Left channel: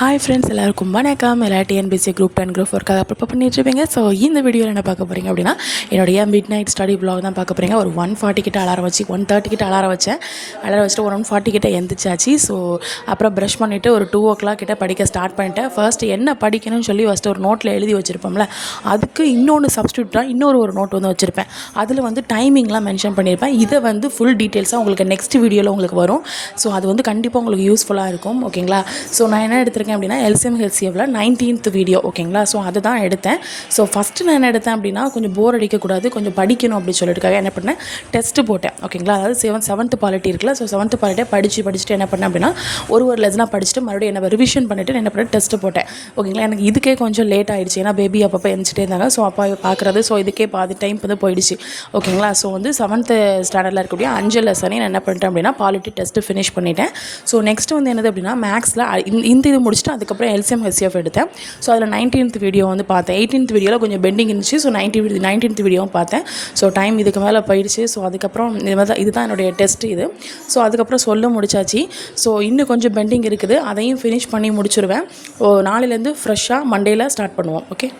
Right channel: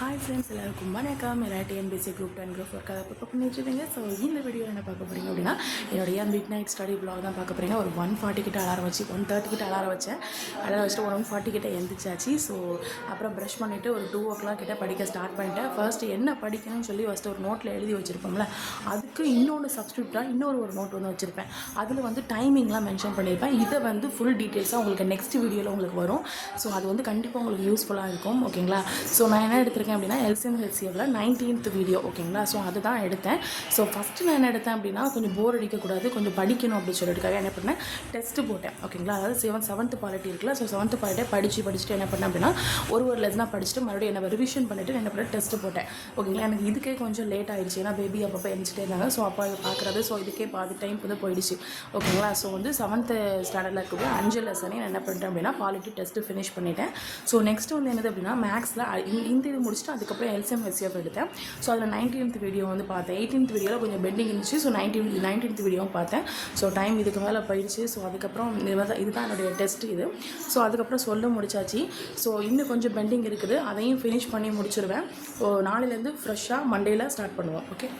Hi friends, எல்லாருக்கும் வணக்கம். எல்லா டிஎன்பிசி குரூப் 10 குரூப் ஒர்க்காக ப்ரிப்பேர் பண்ணிட்டுருப்பீங்க. ஸோ இந்த வீடியோவில் என்ன பார்க்க போகிறீங்க அப்படின்னா, என்னுடைய மிட் நைட் ஸ்டடி வ்ளாக் தான் பார்க்க போகிறீங்க. ஒரு 1:40 கிட்ட அலாரம் வச்சு 1:30 கிட்ட அலாரம் வச்சுட்டு ஒரு 1:40 கிட்ட எந்திரிச்சாச்சு. ஸோ அப்புறம் ப்ரஷ் பண்ணிவிட்டு ஒரு 2 o'clock கிட்ட படிக்க ஸ்டார்ட் பண்ணிட்டேன். ஃபர்ஸ்ட்டு என்ன படிக்கணும்னு சொல்லி ஃபஸ்ட்டு ஒரு நோட்டில் எழுதி வச்சுருப்போம்ல, அதுக்கு இன்னொன்று சப்ஸ்டியூட்டாக இன்னொரு நோட் வந்து வச்சுருப்பேன். அதில் வந்து டைமிங்லாம் மென்ஷன் பண்ணியிருப்பேன். இதை வந்து ஃபுல் டீட்டெயில்ஸாக உங்களுக்கு நெக்ஸ்ட் வீடியோவில் உங்களுக்கு வரும். ஸோ அது வந்து கண்டிப்பாக உங்களுக்கு யூஸ்ஃபுல்லாக இருக்கும். ஓகேங்களா? ஸோ நான் என்ன எடுத்திருக்கேன் அப்படின்னா, எல்சிஎம் ஹெச்சிஎஃப்ல 19th வீடியோ. ஓகேங்களா? ஸோ அதை தான் எடுத்தேன். ஸோ ஃபஸ்ட்டு நான் என்ன எடுத்தேன் அப்படின்னா, கொஞ்சம் போர் அடிக்கக்கூடாது, கொஞ்சம் படிக்கணும் அப்படின்னு சொல்லிட்டுக்காக என்ன பண்ணேன், டெஸ்ட்டு போட்டேன். ஓகேங்களா? அதாவது 7th பாலிட்டி இருக்குல்ல, ஸோ 7th பாலிட்டியை படிச்சுட்டு என்ன பண்ணேன் அப்படின்னா, ஒரு லெசனாக படிச்சுட்டு மறுபடியும் என்ன ரிவிஷன் பண்ணிவிட்டு என்ன பண்ணேன், டெஸ்ட்டு போட்டேன். ஓகேங்களா? எனக்கு இதுக்கே கொஞ்சம் லேட் ஆகிடுச்சு, ஏன்னா பேபி அப்பப்போ எழுந்துட்டே இருந்தாங்க. ஸோ அப்போ பார்க்குறது, ஸோ இதுக்கே பாதி டைம் வந்து போயிடுச்சு. ஓகேங்களா? ஸோ வந்து 7th ஸ்டாண்டர்டில் இருக்கக்கூடிய 5 லெசனையும் நான் என்ன பண்ணிட்டேன் அப்படின்னா, பாலிட்டி டெஸ்ட்டு ஃபினிஷ் பண்ணிட்டேன். ஸோ நெக்ஸ்ட்டு வந்து என்னது அப்படின்னா, மேக்ஸில் இந்த இது முடிச்சுட்டு அதுக்கப்புறம் எல்சிஎம் ஹெச்சிஎஃப் எடுத்தேன். ஸோ அதில் 19th வீடியோ வந்து பார்த்தேன். 18th வீடியோவில் கொஞ்சம் பெண்டிங் இருந்துச்சு. ஸோ 19th வீடியோவும் பார்த்தேன். ஸோ டைம் இதுக்கு மேலே போயிடுச்சு. ஸோ அதுக்கப்புறம் இதுதான் என்னுடைய டெஸ்ட் இது. ஸோ அதுக்கப்புறம் சொல்ல முடிச்சாச்சு. ஸோ இன்னும் கொஞ்சம் பெண்டிங் இருக்குது, அதையும் ஃபினிஷ் பண்ணி முடிச்சுடுவேன். நாளையிலேருந்து ஃப்ரெஷ்ஷாக மண்டேயில் ஸ்டார்ட் பண்ணுவோம். ஓகே.